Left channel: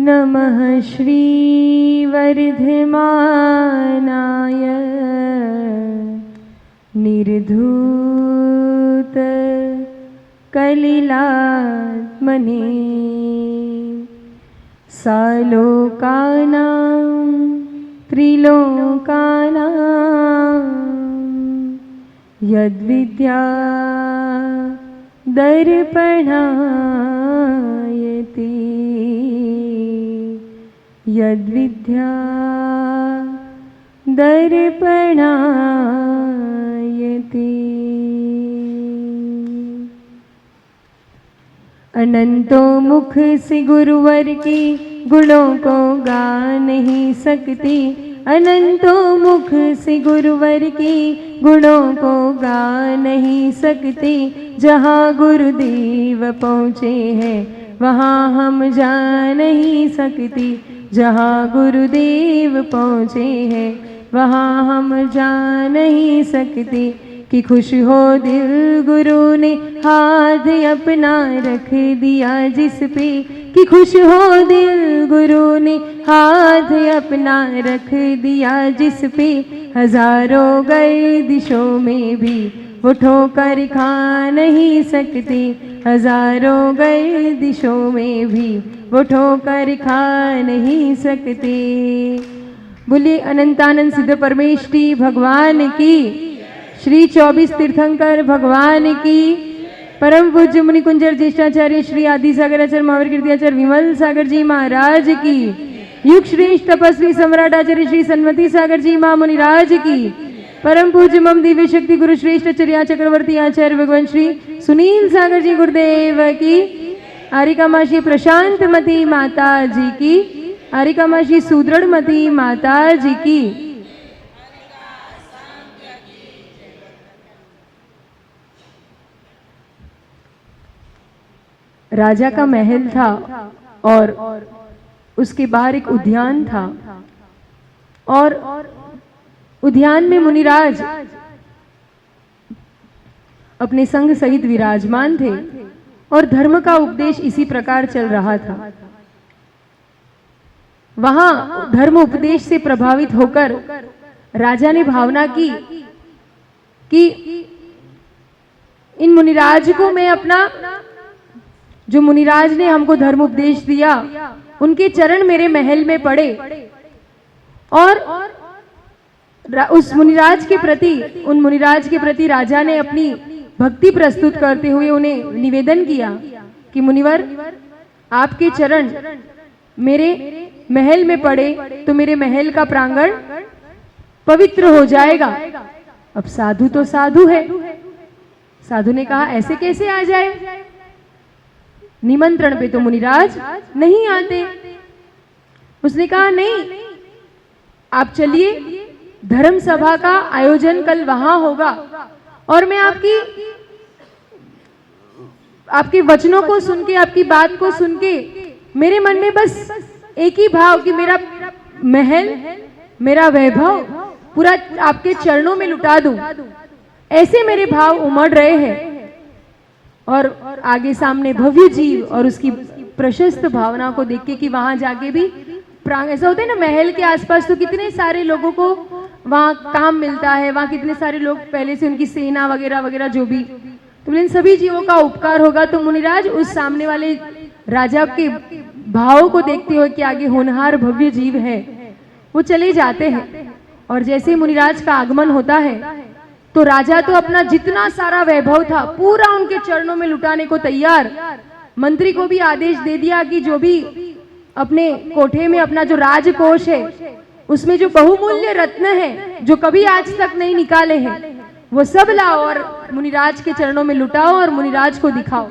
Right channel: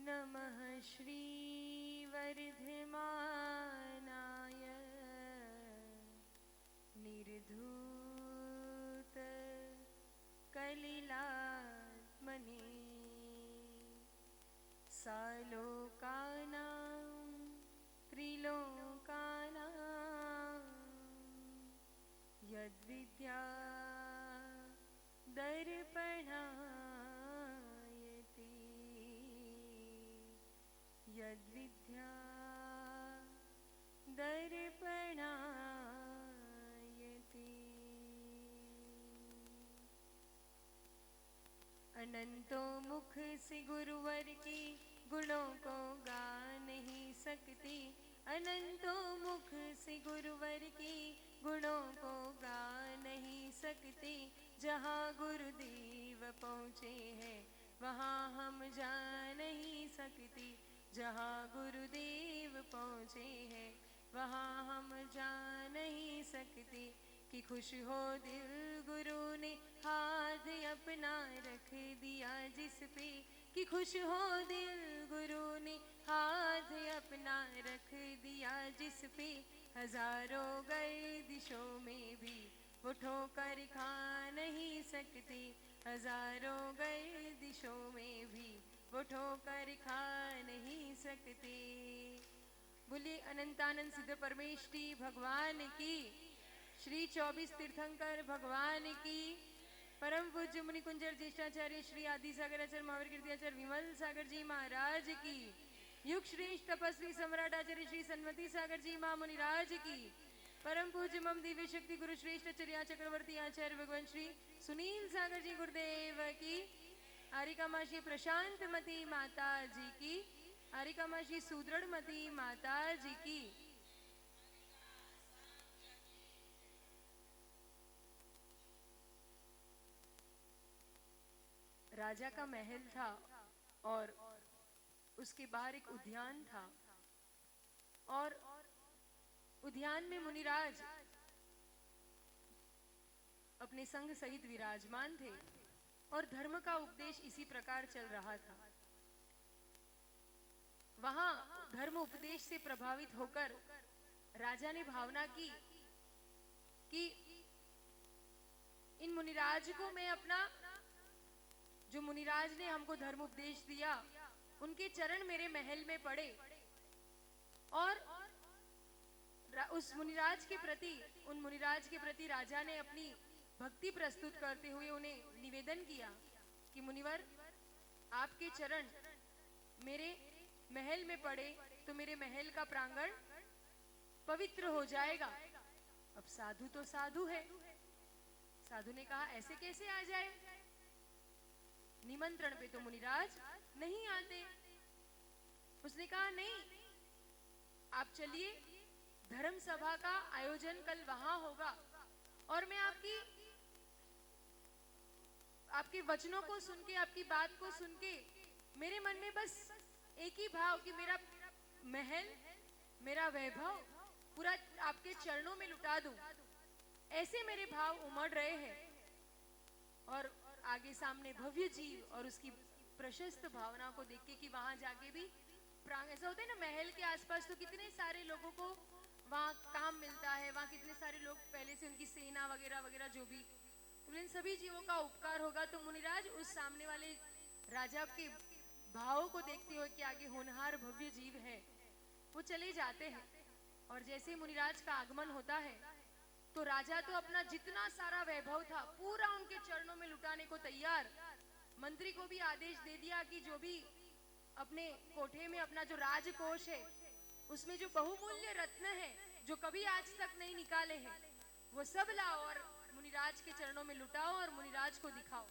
नमः श्रीवर्धमानाय निर्धूत कलिलात्मने सालोकानां त्रिलोकानां यद्विद्या दर्पणायते यद्विद्या दर्पणायते। अनंतों मुख से गुरुवर की गुणों को गा नहीं सकती, अनंतों मुख से गुरुवर की गुणों को गा नहीं सकती। जहाँ गुरुदेव पहुँचे हैं वहाँ हम जा नहीं सकती, जहाँ गुरुदेव पहुँचे हैं वहाँ हम जा नहीं सकते। कि खुश हो दिल गुरु ने हाथ अपना रख दिया जिस पे, कि खुश हो दिल गुरु ने हाथ अपना रख दिया जिस पे। हजारों गर्दिशों में भी वो ठोकर खा नहीं सकते, हजारों गर्दिशों में भी वो ठोकर खा नहीं सकते। बोलिए अनंतानंद सिद्ध परमेष्ठी भगवान की, श्री 24 तीर्थंकर भगवान की, परम पूज्य मुनि कुंजर ज्येष्ठाचार्य श्री आदि सागर आचार्य महावीर कीर्तियाचार्य विमल सागर जी महाराज की, युग श्रेष्ठ तपस्वी सम्राट आचार्य श्री सन्मति सागर जी महामुनिराज की, परम पूज्य मम दिव्य शक्ति गुरु श्रेष्ठ आचार्य चक्रवर्ती आचार्य भगवान श्री सुनील सागर जी गुरुदेव की, आरिकामाशी प्रशांतमती माता जी की, आरिकामाशी सुदृढ़मती माता जी की। राजा का महल था और उसके बाहर एक उद्यान था और उद्यान में मुनिराज अपने संग सहित विराजमान थे और धर्म का उपदेश इसी प्रकार चल रहा था। वहां धर्म उपदेश से प्रभावित होकर राजा ने भावना की कि इन मुनिराज को मैं अपना, जो मुनिराज ने हमको धर्म उपदेश दिया, उनके चरण मेरे महल में पड़े और उस मुनिराज के प्रति, उन मुनिराज के प्रति राजा ने अपनी भक्ति प्रस्तुत करते हुए उन्हें निवेदन किया कि मुनिवर, आपके चरण मेरे महल में पड़े तो मेरे महल का प्रांगण पवित्र हो जाएगा। अब साधु तो साधु है, साधु ने कहा ऐसे कैसे आ जाए, निमंत्रण पे तो मुनिराज नहीं आते। उसने कहा नहीं, आप चलिए, धर्म सभा का आयोजन कल वहां होगा और मैं आपके वचनों को सुन के, आपकी बात को सुन के मेरे मन में बस एक ही भाव कि मेरा महल, मेरा वैभव पूरा आपके चरणों में लुटा दूं, ऐसे मेरे भाव उमड़ रहे हैं। और आगे सामने भव्य जीव और उसकी प्रशस्त भावना को देख के कि वहां जाके भी ऐसा होता है ना, महल के आसपास तो कितने सारे लोगों को वहां काम मिलता है, वहां कितने सारे लोग पहले से उनकी सेना वगैरह वगैरह जो भी, तो इन सभी जीवों का उपकार होगा। तो मुनिराज उस सामने वाले राजा के भाव को देखते हुए कि आगे होनहार भव्य जीव है, वो चले जाते हैं। और जैसे मुनिराज का आगमन होता है तो राजा तो अपना जितना सारा वैभव था पूरा उनके चरणों में लुटाने को तैयार। मंत्री को भी आदेश दे दिया कि जो भी अपने कोठे में अपना जो राजकोष है उसमें जो बहुमूल्य रत्न है जो कभी आज तक नहीं निकाले हैं वो सब लाओ और मुनिराज के चरणों में लुटाओ और मुनिराज को दिखाओ।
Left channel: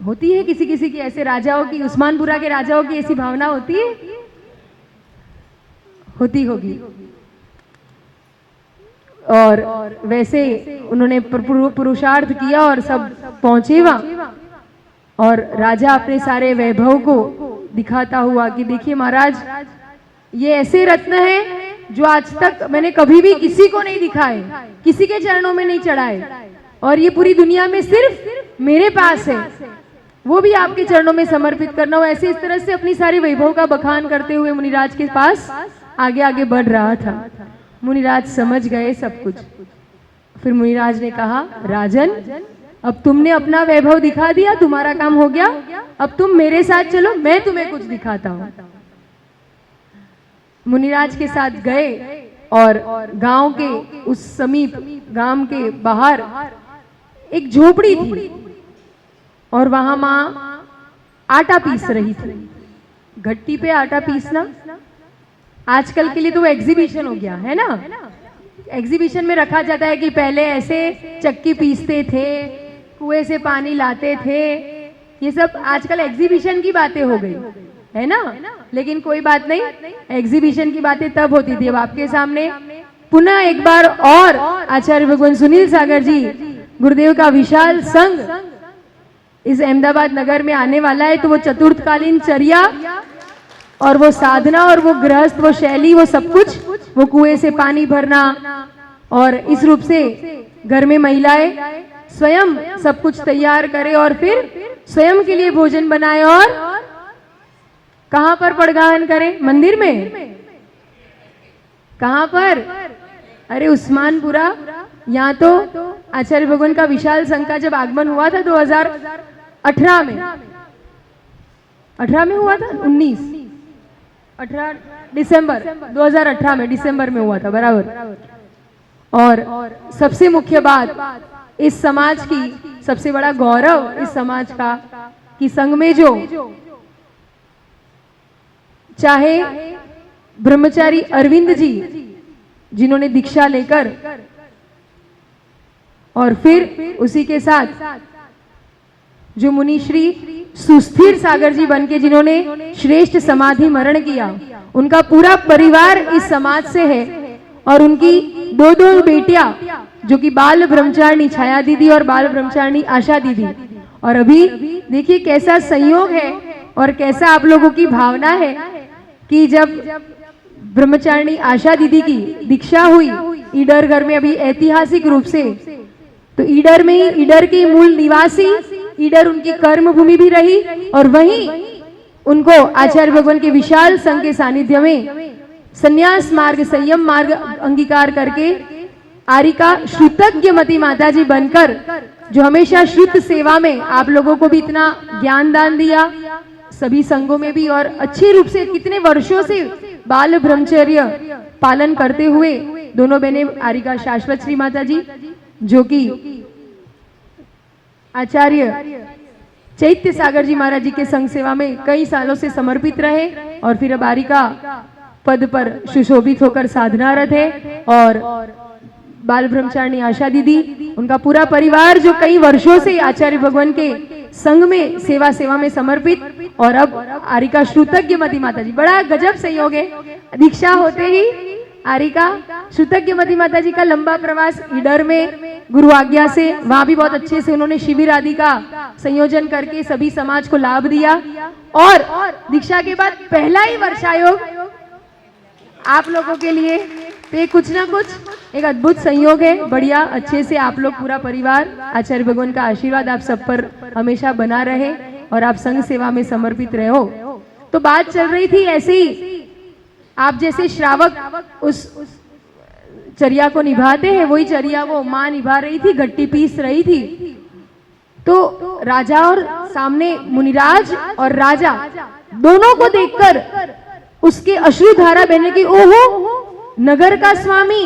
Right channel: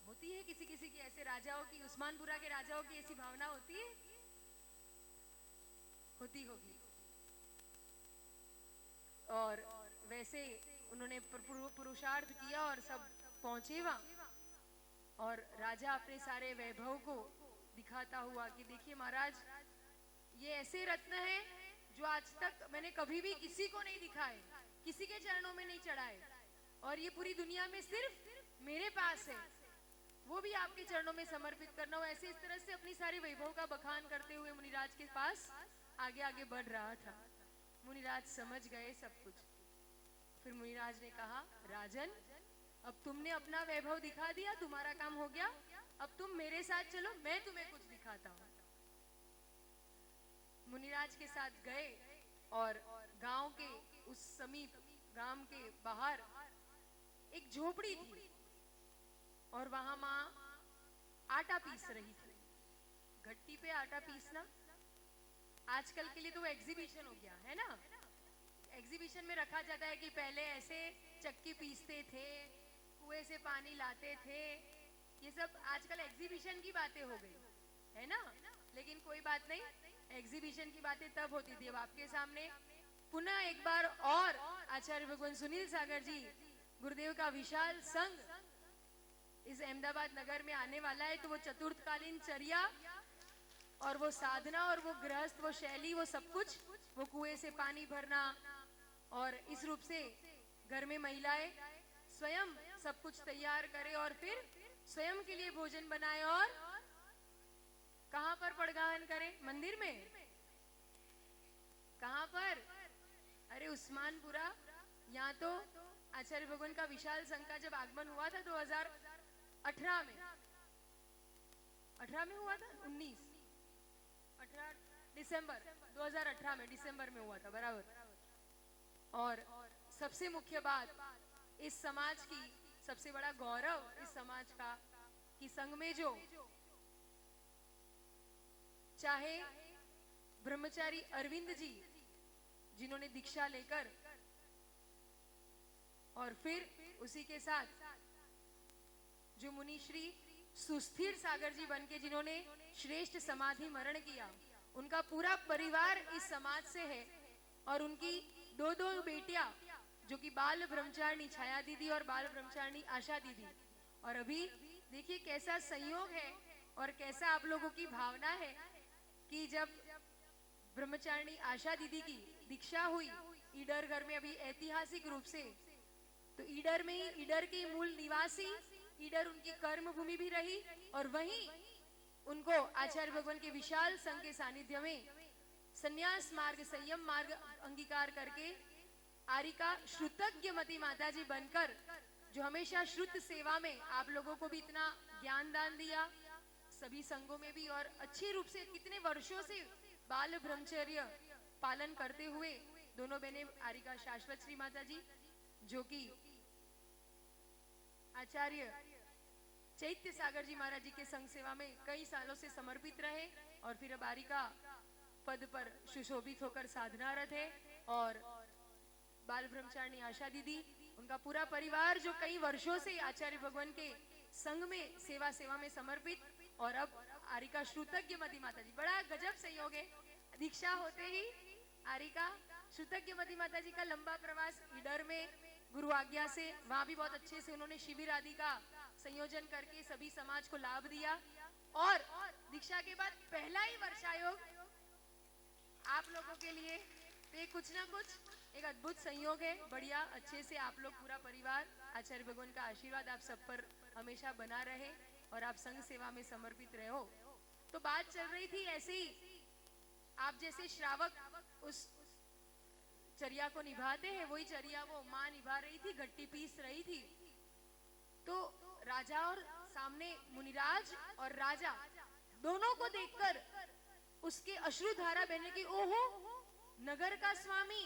होती है किसी किसी की ऐसे राजाओं की, उस्मानपुरा के राजाओं की ऐसी भावना होती है, होती होगी। और वैसे उन्होंने पुरुषार्थ किया और सब पहुंचे वहां और राजा अपने सारे वैभव को दिखाता हुआ कि देखिए महाराज, ये ऐसे रत्न हैं जो आज तक मैंने कभी भी किसी को नहीं दिखाए, किसी के चरणों में नहीं चढ़ाए और ये पूरी दुनिया में सिर्फ मेरे पास है। वो भी आपके चरणों में समर्पित करना हो। ऐसे इस तरह से अपनी सारी वैभव का बखान करते हुए मुनिराज के पास आगे आगे बढ़ रहा था। मुनिराज समझ गए सब कुछ। फिर मुनिराज ने कहा, राजन, अब तुमने अपना वैभव दिखा दिया, तुम्हारा काम हो गया, अब तुम मेरे साथ चलो, मैं तुम्हें कुछ दिखाता हूं। मुनिराज के साथ गए और गांव के उस समीप, गांव के बाहर एक झोपड़ी थी और वहां मां आटा पीस रही थी। घट्टी पे आटा पीसना आजकल के लिए तो वो एग्जीबिशन हो गया है ना। एग्जीबिशन में रखा जाता है कि पहले ऐसे चक्की पीसते थे, कुएं से पानी लाते थे, ये सब आजकल एग्जीबिशन की बातें हो गई है ना। लेकिन कोई बात नहीं, एग्जीबिशन की बातें तब होती थी। अब आपके सामने पुनः एक बार और आचार्य भगवान सुनील सागर जी गुरुदेव का विशाल संघ इस अहमदाबाद नगर में आने वाला है। तो वो चतुर्थकालीन चर्या और वो साधना और वो गृहस्थ, वो शैली, वो सब कुछ, वो कुएं से पानी भरना और इस रूप से घर में महिलाएं स्वयं सब कुछ तैयार करे और फिर स्वयं के लिए भोजन बनाए और कहां पर पड़गाहन करे? मंदिर में। कहां पर? अरे उस्मानपुरा। यहाँ तो आचार्य भगवान का विशाल संघ का जब आगमन हुआ था 2018 में, 18 में हुआ था, 18 दिसंबर 2018 में, दिसंबर में हुआ था बराबर। और सबसे मुख्य बात, इस समाज की सबसे बड़ा गौरव इस समाज का कि संघ में जो चाहे ब्रह्मचारी अरविंद जी जिन्होंने दीक्षा लेकर और फिर उसी के साथ जो मुनि श्री सुस्थिर सागर जी बनके जिन्होंने श्रेष्ठ समाधि मरण किया, उनका पूरा परिवार इस समाज से है। और उनकी दो बेटियां जो कि बाल ब्रह्मचारिणी छाया दीदी और बाल ब्रह्मचारिणी आशा दीदी। और अभी देखिए कैसा संयोग है और कैसा आप लोगों की भावना है कि जब ब्रह्मचारिणी आशा दीदी की दीक्षा हुई ईडर घर में, अभी ऐतिहासिक रूप से, तो ईडर में ही, ईडर के मूल निवासी, ईडर उनकी कर्म भूमि भी रही और वहीं उनको आचार्य भगवान के विशाल संघ के सानिध्य में संन्यास मार्ग, संयम मार्ग अंगीकार करके आरिका श्रुतज्ञ मती माता जी बनकर, जो हमेशा श्रुत सेवा में आप लोगों को भी इतना ज्ञान दान दिया, सभी संघों में भी, और अच्छे रूप से कितने वर्षों से बाल ब्रह्मचर्य पालन करते हुए दोनों बहनें आरिका शाश्वत श्री माता जी जो कि आचार्य चैत्य सागर जी महाराज जी के संघ सेवा में कई सालों से समर्पित रहे और फिर अब आरिका पद पर सुशोभित होकर साधनारत है। और बाल ब्रह्मचारिणी आशा दीदी, उनका पूरा परिवार जो कई वर्षों से आचार्य भगवान के संघ में सेवा में समर्पित, और अब आरिका श्रुतज्ञ मती माता जी। बड़ा गजब संयोग है, दीक्षा होते ही आरिका श्रुतज्ञ मती माता जी का लंबा प्रवास ईडर में गुरु आज्ञा से, वहां भी बहुत अच्छे से उन्होंने शिविर आदि का संयोजन करके सभी समाज को लाभ दिया। और दीक्षा के बाद पहला ही वर्षायोग आप लोगों के लिए, तो ये कुछ ना कुछ एक अद्भुत संयोग है। बढ़िया, अच्छे से आप लोग पूरा परिवार, आचार्य भगवान का आशीर्वाद आप सब पर हमेशा बना रहे और आप संघ सेवा में समर्पित रहे हो। तो बात चल रही थी ऐसे ही, आप जैसे श्रावक उस चर्या को निभाते हैं, वही चर्या वो माँ निभा रही थी, घट्टी पीस रही थी। तो राजा और सामने मुनिराज और राजा दोनों को देखकर उसके अश्रुधारा बहने की, ओहो, नगर का स्वामी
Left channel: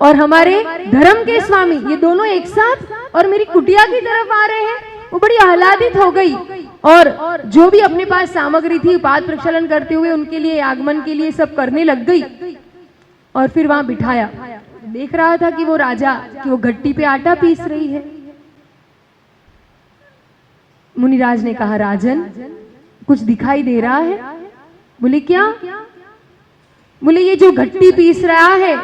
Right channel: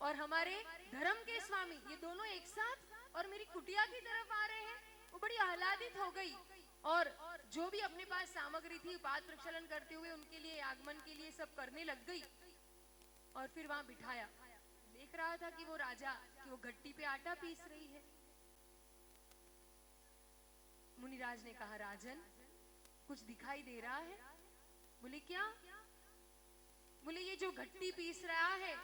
और हमारे धर्म के स्वामी, ये दोनों एक साथ और मेरी कुटिया की तरफ आ रहे हैं। वो बड़ी आह्लादित हो गई और जो भी अपने पास सामग्री थी पाद प्रक्षालन करते हुए उनके लिए आगमन के लिए सब करने लग गई। और फिर वहां बिठाया, देख रहा था कि वो राजा कि वो घट्टी पे आटा पीस रही है। मुनिराज ने कहा, राजन कुछ दिखाई दे रहा है? बोले क्या? बोले ये जो घट्टी पीस रहा है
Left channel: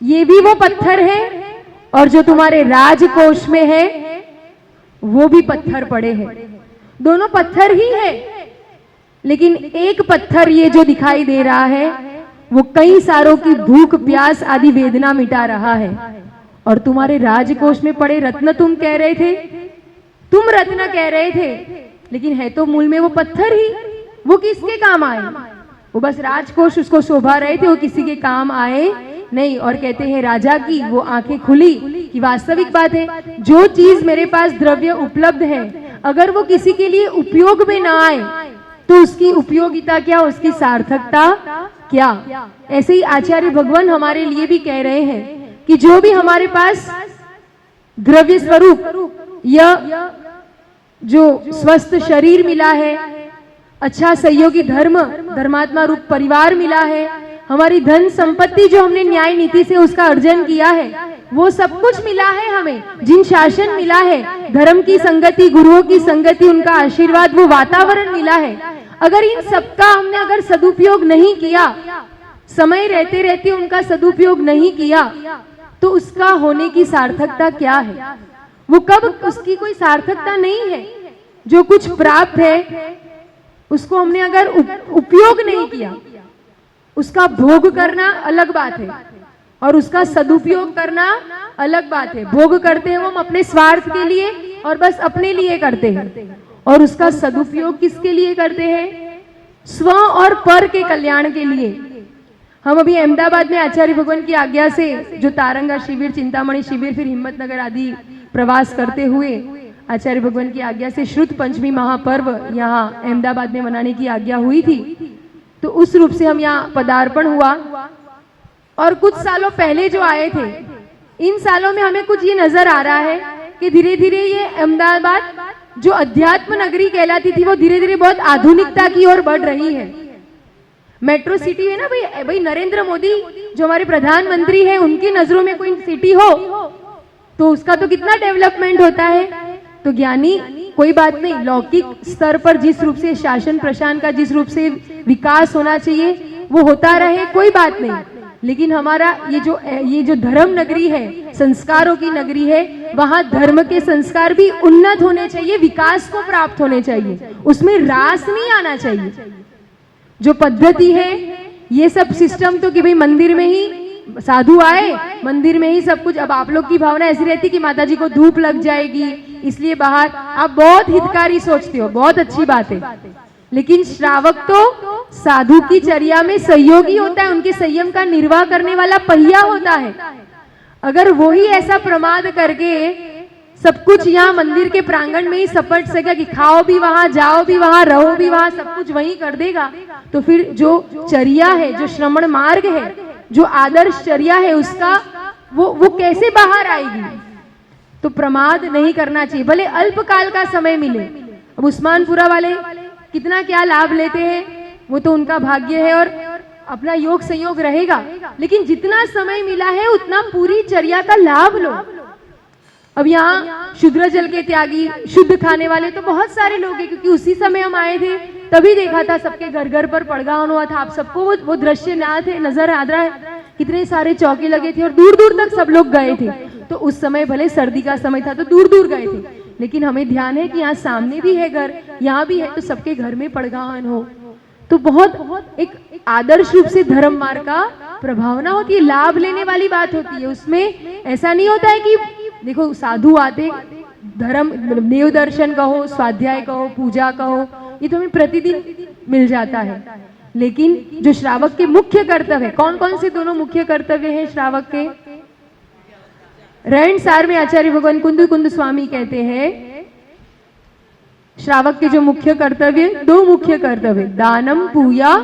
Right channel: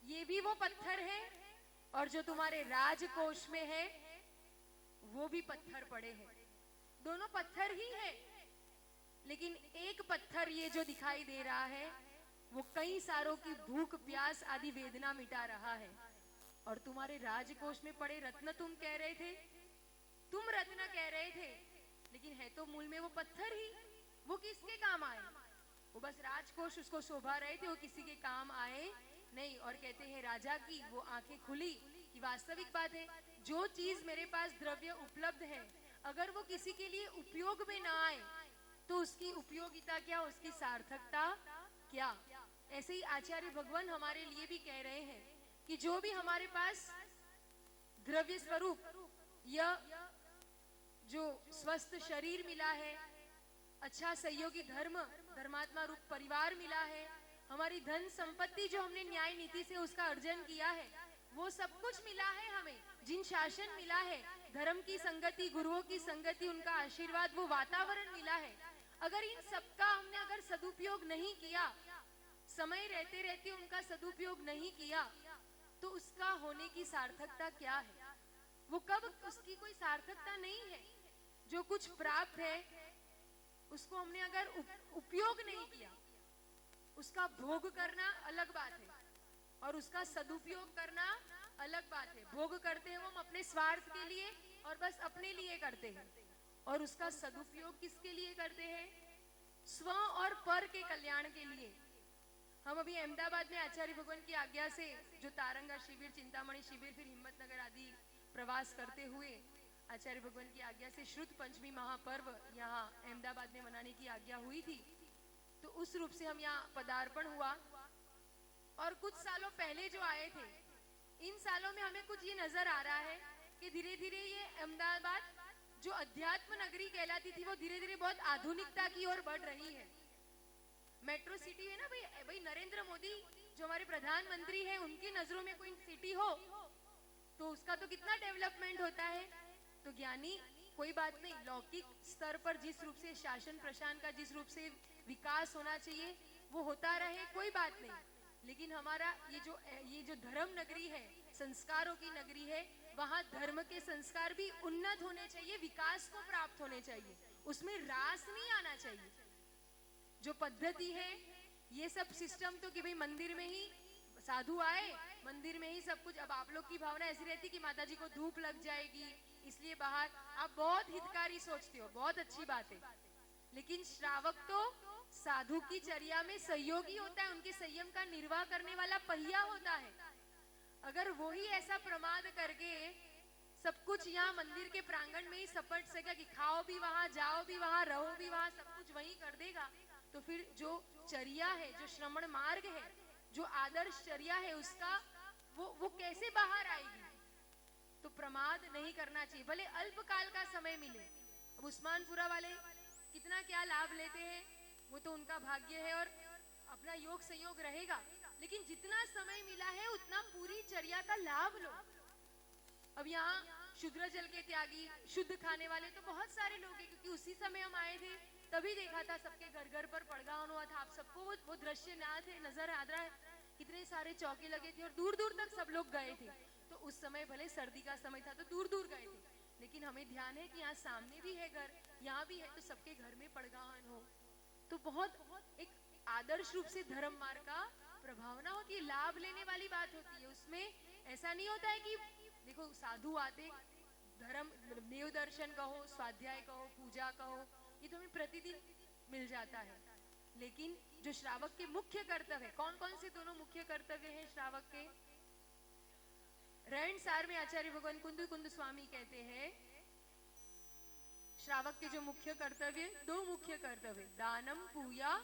ये भी वो पत्थर है और जो तुम्हारे राजकोष में है वो भी पत्थर पड़े हैं। दोनों पत्थर ही है, लेकिन एक पत्थर ये जो दिखाई दे रहा है वो कई सारों की भूख प्यास आदि वेदना मिटा रहा है। और तुम्हारे राजकोष में पड़े रत्न तुम कह रहे थे, तुम रत्न कह रहे थे लेकिन है तो मूल में वो पत्थर ही, वो किसके काम आए? वो बस राजकोष उसको शोभा रहे थे, वो किसी के काम आए नहीं। और कहते हैं राजा की वो आंखें खुली कि वास्तविक बात है, जो चीज मेरे पास द्रव्य उपलब्ध है अगर वो किसी के लिए उपयोग में ना आए तो उसकी उपयोगिता क्या, उसकी सार्थकता क्या? ऐसे ही आचार्य भगवान हमारे लिए भी कह रहे हैं कि जो भी हमारे पास द्रव्य स्वरूप या जो स्वस्थ शरीर मिला है, अच्छा सहयोगी धर्मात्मा रूप परिवार मिला है, हमारी धन संपत्ति जो हमने न्याय नीति से उसका अर्जन किया है, वो सब कुछ मिला है हमें, जिन शासन मिला है, धर्म की संगति, गुरुओं की संगति, उनका आशीर्वाद, वो वातावरण मिला है, अगर इन सबका हमने अगर सदुपयोग नहीं किया, समय रहते रहते उनका सदुपयोग नहीं किया, तो उसका होने की सार्थकता क्या है? वो कब, उसकी कोई सार्थकता नहीं है। जो कुछ प्राप्त है उसको हमने अगर उपयोग नहीं किया, उसका भोग करना अलग बात है और उसका सदुपयोग करना अलग बात है। भोग करते हैं वो हम अपने स्वार्थ के लिए और बस अपने लिए करते हैं, और उसका सदुपयोग किसके लिए करते हैं? स्व और पर के कल्याण के लिए। हम अभी अहमदाबाद में आचार्य भगवान की आज्ञा से जो तारंगा शिविर, चिंतामणि शिविर, फिर हिम्मतनगर आदि प्रवास करते हुए आचार्य भगवान की आज्ञा से श्रुत पंचमी महापर्व यहाँ अहमदाबाद में मनाने की आज्ञा हुई थी, तो उस रूप से हम यहाँ पदार्पण हुआ। और कुछ सालों पहले जो आए थे, इन सालों में हमें कुछ ये नजर आ रहा है कि धीरे धीरे ये अहमदाबाद जो अध्यात्म नगरी कहलाती थी वो धीरे धीरे बहुत आधुनिकता की ओर बढ़ रही है। मेट्रो सिटी है ना भाई, नरेंद्र मोदी जो हमारे प्रधानमंत्री हैं, उनकी नजरों में कोई सिटी हो तो उसका तो कितना डेवलपमेंट होता है। तो ज्ञानी कोई बात नहीं, लौकिक स्तर पर जिस रूप से शासन प्रशासन का जिस रूप से विकास होना चाहिए वो होता रहे, कोई बात नहीं, लेकिन हमारा ये जो धर्म नगरी है, संस्कारों की नगरी है, वहां धर्म के संस्कार भी उन्नत होने चाहिए, विकास को प्राप्त होने चाहिए, उसमें रास नहीं आना चाहिए। जो पद्धति है ये सब सिस्टम तो कि भाई मंदिर में ही साधु आए, मंदिर में ही सब कुछ। अब आप लोग की भावना ऐसी रहती कि माताजी को धूप लग जाएगी इसलिए बाहर, आप बहुत हितकारी सोचते हो, बहुत अच्छी बात है, लेकिन श्रावक तो साधु की चर्या में सहयोगी होता है, उनके संयम का निर्वाह करने वाला पहिया होता है। अगर वो ही ऐसा प्रमाद करके सब कुछ यहाँ मंदिर के प्रांगण में ही सपट सकेगा कि खाओ भी वहां, जाओ भी वहां, रहो भी वहां, सब कुछ वहीं कर देगा, तो फिर जो चर्या है, जो श्रमण मार्ग है, जो आदर्श चर्या है, उसका वो कैसे बाहर आएगी? तो प्रमाद नहीं करना चाहिए, भले अल्पकाल का समय मिले। अब उस्मानपुरा वाले कितना क्या लाभ लेते हैं वो तो उनका भाग्य है और अपना योग संयोग रहेगा, लेकिन जितना समय मिला है उतना पूरी चर्या का लाभ लो। अब यहाँ शुद्र जल के त्यागी, शुद्ध खाने वाले तो बहुत सारे लोग हैं, क्योंकि उसी समय हम आए थे तभी देखा था सबके घर घर पर पड़गावन हुआ था। आप सबको वो दृश्य नजर आ रहा है, कितने सारे चौके लगे थे और दूर दूर तक सब लोग गए थे। तो उस समय भले सर्दी का समय था तो दूर दूर गए थे, लेकिन हमें ध्यान है कि यहाँ सामने भी है घर, यहाँ भी है, तो सबके घर में पड़गावन हो तो बहुत एक आदर्श रूप से धर्म मार्ग का प्रभावना होती है, लाभ लेने वाली बात होती है। उसमें ऐसा नहीं होता है कि देखो साधु आते, धर्म देव दर्शन कहो, स्वाध्याय कहो, पूजा कहो, ये तो हमें प्रतिदिन मिल जाता है, लेकिन जो श्रावक के मुख्य कर्तव्य है, कौन कौन से दोनों मुख्य कर्तव्य हैं श्रावक के? रहन सार में आचार्य भगवान कुंद स्वामी कहते हैं श्रावक के जो मुख्य कर्तव्य, दो मुख्य कर्तव्य, दानम पूजा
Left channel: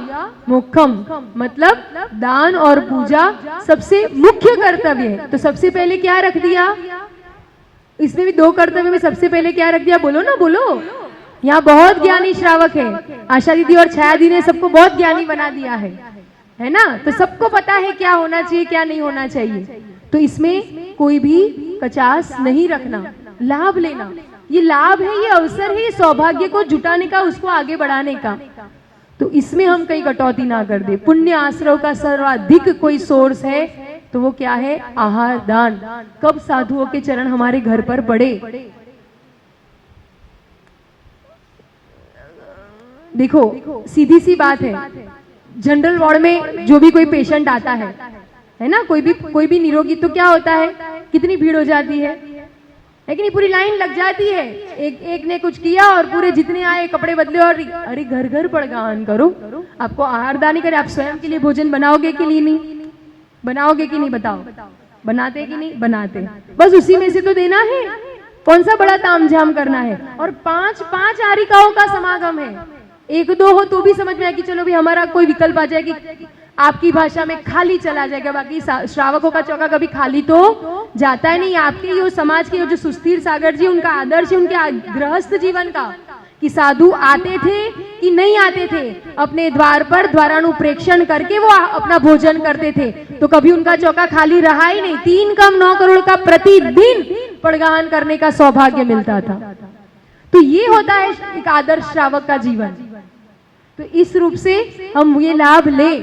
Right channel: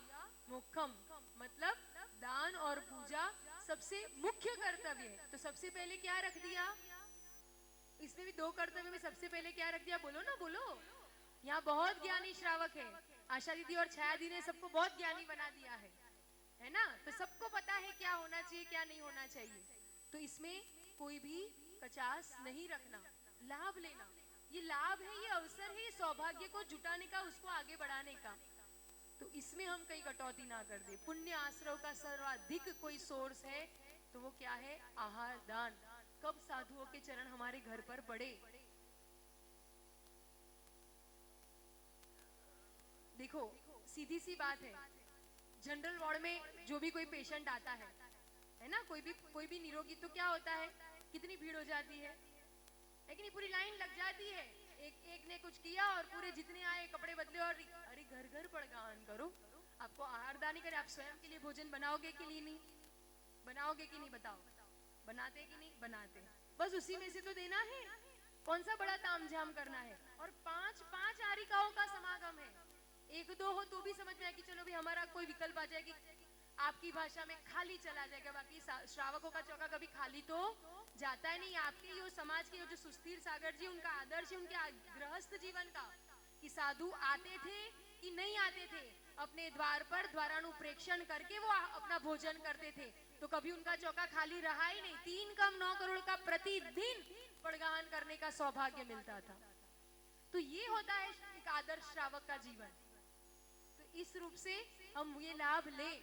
मोक्षम, मतलब दान और पूजा सबसे मुख्य कर्तव्य है। तो सबसे पहले क्या रख दिया इसमें भी? दो कर्तव्य में सबसे पहले क्या रख दिया? बोलो ना, बोलो। यहाँ बहुत ज्ञानी श्रावक है, आशा दीदी और छाया दी ने सबको बहुत ज्ञानी बना दिया है ना? तो सबको पता है क्या होना चाहिए, क्या नहीं होना चाहिए। तो इसमें कोई भी कचास नहीं रखना, लाभ लेना। ये लाभ है, ये अवसर है, ये सौभाग्य को जुटाने का, उसको आगे बढ़ाने का। तो इसमें हम कहीं कटौती ना कर दे। पुण्य आश्रव का सर्वाधिक कोई सोर्स है तो वो क्या है? आहार दान। कब साधुओं के चरण हमारे घर पर पड़े। देखो सीधी सी बात है, जनरल वार्ड में जो भी कोई पेशेंट आता है ना, कोई भी निरोगी, तो क्या होता है? कितनी भीड़ हो जाती है? है कि नहीं? पूरी लाइन लग जाती है, एक ने कुछ किया और पूरे जितने आए कपड़े बदले और अरे घर घर पड़गान करो। आपको आहार दानी करे, आप स्वयं के लिए भोजन बनाओगे कि नहीं? बनाओगे कि नहीं? बताओ, बनाते कि नहीं? बनाते। बस उसी में से तो देना है, कौन सा बड़ा तामझाम करना है। और पांच पांच आरिकाओं का समागम है, एक दो हो तो भी समझ में आए कि चलो भी हमारा कोई विकल्प आ जाए कि आपकी भाषा में खाली चला जाएगा, बाकी श्रावकों का चौका कभी खाली तो जाता है नहीं। आपके यो समाज के जो सुस्थिर सागर जी, उनका आदर्श है उनके गृहस्थ जीवन का, कि साधु आते थे कि नहीं आते थे, अपने द्वार पर द्वारानुप्रेक्षण करके वो अपना भोजन करते थे, तो कभी उनका चौका खाली रहा ही नहीं। 3 कम 9 करोड़ का प्रतिदिन पड़गान करने का सौभाग्य मिलता था। तो ये होता है एक आदर्श श्रावक का जीवन। तो इस रूप से हम ये लाभ ले,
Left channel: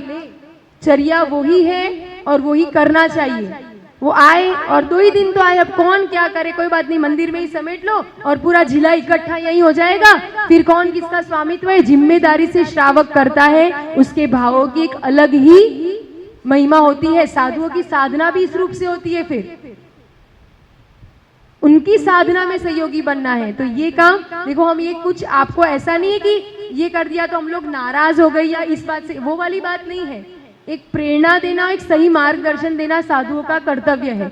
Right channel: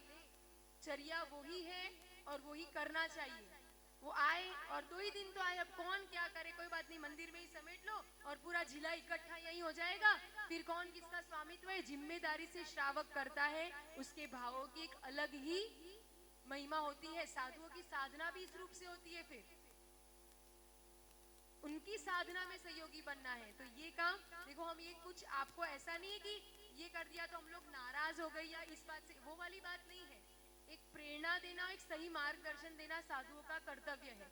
चर्या वही है और वही करना चाहिए। वो आए और 2 ही दिन तो आए, अब कौन क्या करे, कोई बात नहीं, मंदिर में ही समेट लो और पूरा जिला इकट्ठा यही हो जाएगा। फिर कौन किसका स्वामित्व है, जिम्मेदारी से श्रावक करता है, उसके भावों की एक अलग ही महिमा होती है। साधुओं की साधना भी इस रूप से होती है, फिर उनकी साधना में सहयोगी बनना है। तो ये काम देखो, हम ये कुछ आपको ऐसा नहीं है कि ये कर दिया तो हम लोग नाराज हो गए या इस बात से, वो वाली बात नहीं है। एक प्रेरणा देना, एक सही मार्गदर्शन देना साधुओं का कर्तव्य है,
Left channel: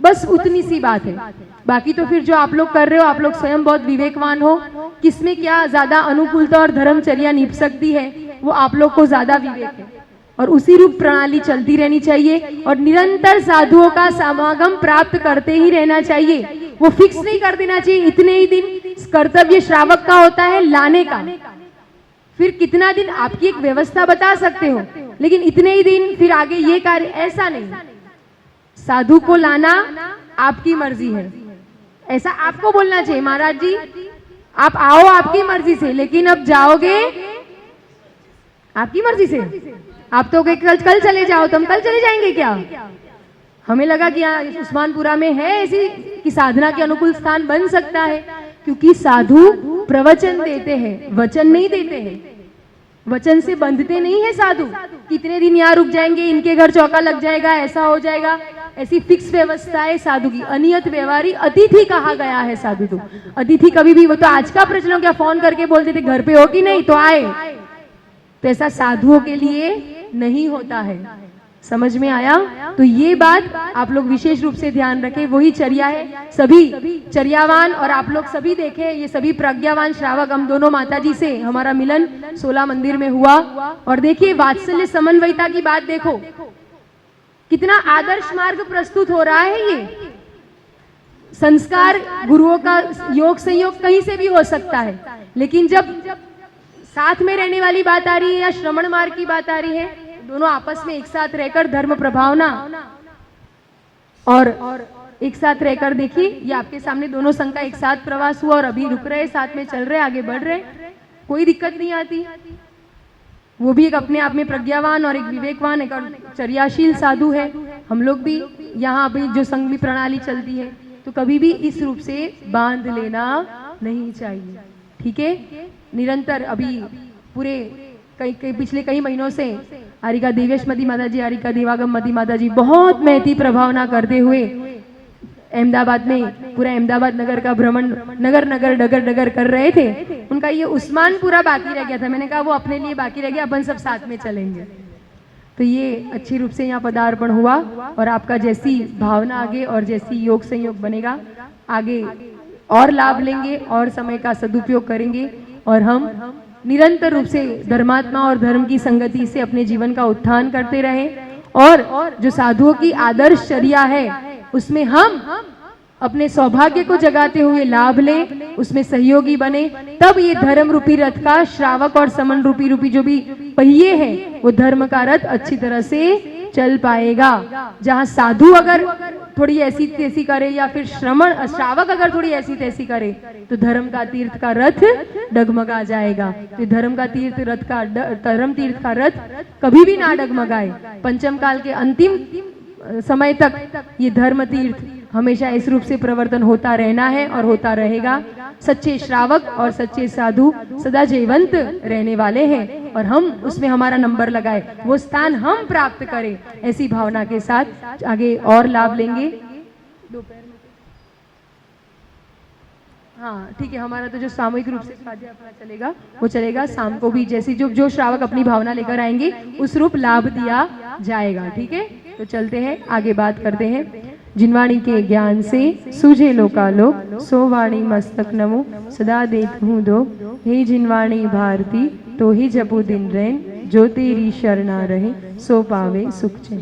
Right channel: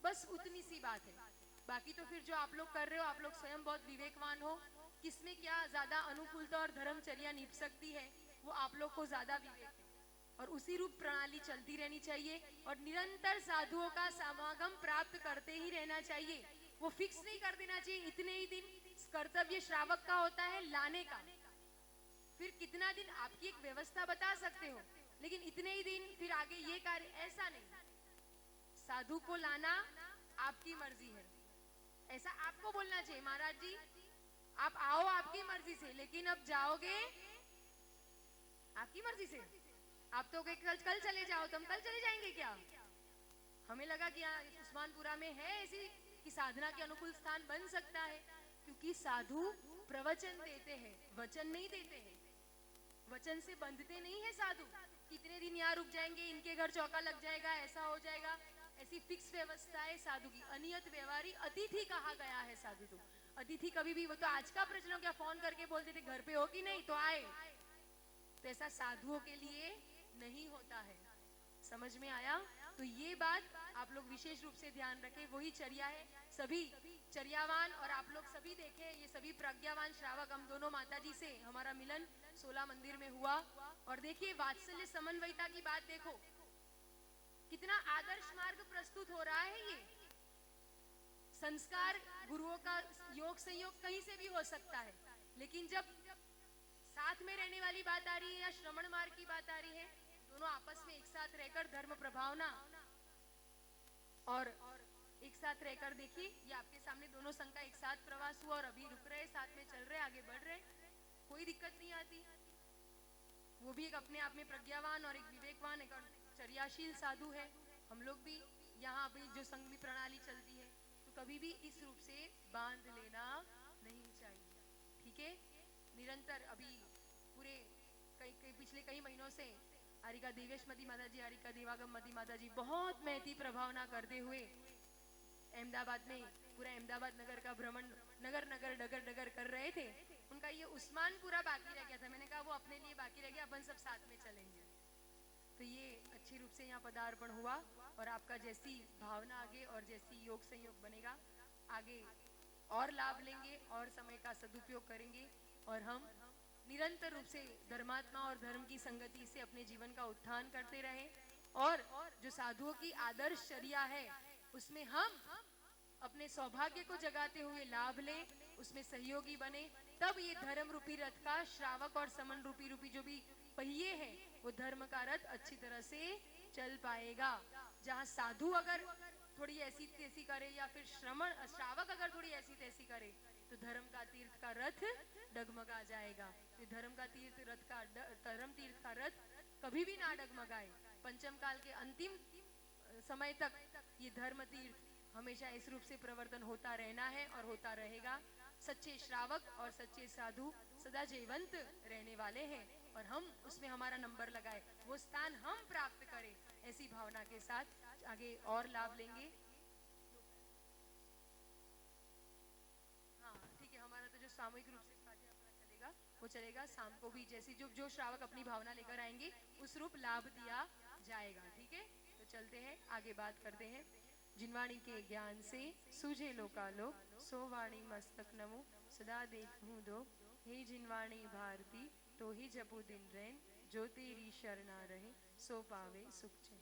बस उतनी सी बात है। बाकी तो फिर जो आप लोग कर रहे हो, आप लोग स्वयं बहुत विवेकवान हो, किसमें क्या ज्यादा अनुकूलता और धर्मचर्या निभ सकती है, वो आप लोग को ज्यादा विवेक है। और उसी रूप प्रणाली चलती रहनी चाहिए और निरंतर साधुओं का समागम प्राप्त करते ही रहना चाहिए। वो फिक्स नहीं कर देना चाहिए इतने ही दिन कर्तव्य श्रावक का होता है लाने का, फिर कितना दिन आपकी एक व्यवस्था बता सकते हो, लेकिन इतने ही दिन फिर आगे ये कार्य, ऐसा नहीं। साधु को लाना आपकी मर्जी है, ऐसा आपको बोलना चाहिए। महाराज जी आप आओ आपकी मर्जी से, लेकिन अब जाओगे आपकी मर्जी से। आप तो कल चले जाओ, तो हम कल चले जाएंगे क्या? हमें लगा कि यहाँ उस्मानपुरा में है ऐसी कि साधना के अनुकूल स्थान बन सकता है, क्योंकि साधु प्रवचन देते हैं, वचन नहीं देते हैं। वचन से बंधते नहीं है साधु, कितने दिन यहाँ रुक जाएंगे, इनके घर चौका लग जाएगा, ऐसा हो जाएगा, ऐसी फिक्स व्यवस्था है साधु की। अनियत व्यवहारी अतिथि कहा गया है साधु। तो अतिथि कभी भी, वो तो आज का प्रचलन, क्या फोन करके बोलते थे घर पे हो कि नहीं, तो आए। तो ऐसा साधुओं के लिए नहीं होता है, समझ में आया? तो ये बात आप लोग विशेष रूप से ध्यान रखें, वही चर्या है। सभी चर्यावान और आप लोग सभी देखे, ये सभी प्रज्ञावान श्रावक, हम दोनों माताजी से हमारा मिलन 16 मंदिर में हुआ। और देखिए वात्सल्य समन्वयता की बात देखो, कितना आदर्श मार्ग प्रस्तुत हो रहा है। ये संस्कार गुरुओं का योग संयोग कहीं से भी हो सकता है, लेकिन जब साथ में रहने वाली बात आ रही है या श्रमण मार्ग की बात आ रही है, दोनों आपस में एक साथ रहकर धर्म प्रभावना और एक साथ रहकर, देखिए ये आपके सामने दोनों संघ का एक साथ प्रवास हुआ और अभी रुक रहे, साथ में चल रहे, आगे बढ़ रहे, कोई दिक्कत नहीं आती। वो भी एक अपने आप में प्रज्ञावान और एक विवेकवान, एक चर्याशील साधु है। हम लोग भी यहाँ अभी जो संघ में प्रणाली चलती है, तो कभी भी इस रूप से बांध लेना नहीं चाहिए, ठीक है? निरंतर अभी पूरे पिछले कई महीनों से आरिका देवेश मती माता जी, आरिका देवागम मती माता जी बहुत महती प्रभावना करते हुए अहमदाबाद में, पूरा अहमदाबाद नगर का भ्रमण, नगर नगर डगर डगर कर रहे थे। उनका ये उस्मानपुरा बाकी रह गया था, मैंने कहा वो अपने लिए बाकी रह गया, अपन सब साथ में चलेंगे। तो ये अच्छी रूप से यहाँ पदार्पण हुआ और आपका जैसी भावना आगे और जैसी योग संयोग बनेगा, आगे और लाभ लेंगे और समय का सदुपयोग करेंगे और हम निरंतर रूप से धर्मात्मा और धर्म की संगति से अपने जीवन का उत्थान करते रहें और जो साधुओं की आदर्श चर्या है उसमें हम अपने सौभाग्य को जगाते हुए लाभ लें, उसमें सहयोगी बने, तब ये धर्म रूपी रथ का श्रावक और समन रूपी जो भी पहिए हैं, वो धर्म का रथ अच्छी तरह से चल पाएगा। जहां साधु अगर थोड़ी ऐसी तैसी करे या फिर श्रावक अगर थोड़ी ऐसी तैसी करे, तो धर्म का तीर्थ का रथ डगमगा जाएगा। तो धर्म का तीर्थ रथ का धर्म तीर्थ का रथ कभी भी ना डगमगाए। पंचम काल के अंतिम समय तक ये धर्म तीर्थ हमेशा इस रूप से प्रवर्तन होता रहना है और होता रहेगा। सच्चे श्रावक और सच्चे साधु सदा जीवंत रहने वाले हैं और हम उसमें हमारा नंबर लगाए, वो स्थान हम प्राप्त करें, ऐसी भावना के साथ आगे और लाभ लेंगे। हाँ ठीक है, हमारा तो जो सामूहिक रूप से स्वाध्याय अपना चलेगा वो चलेगा शाम को भी, जैसी जो जो श्रावक अपनी भावना लेकर आएंगे उस रूप लाभ दिया जाएगा। ठीक है, तो चलते हैं आगे बात करते हैं। जिनवाणी के ज्ञान से सूझे लोकालोक, सो वाणी मस्तक नमो सदा देत हूँ दो। हे जिनवाणी भारती तो ही जपू दिन रैन, जो तेरी शरणा रहे सो पावे सुख चैन।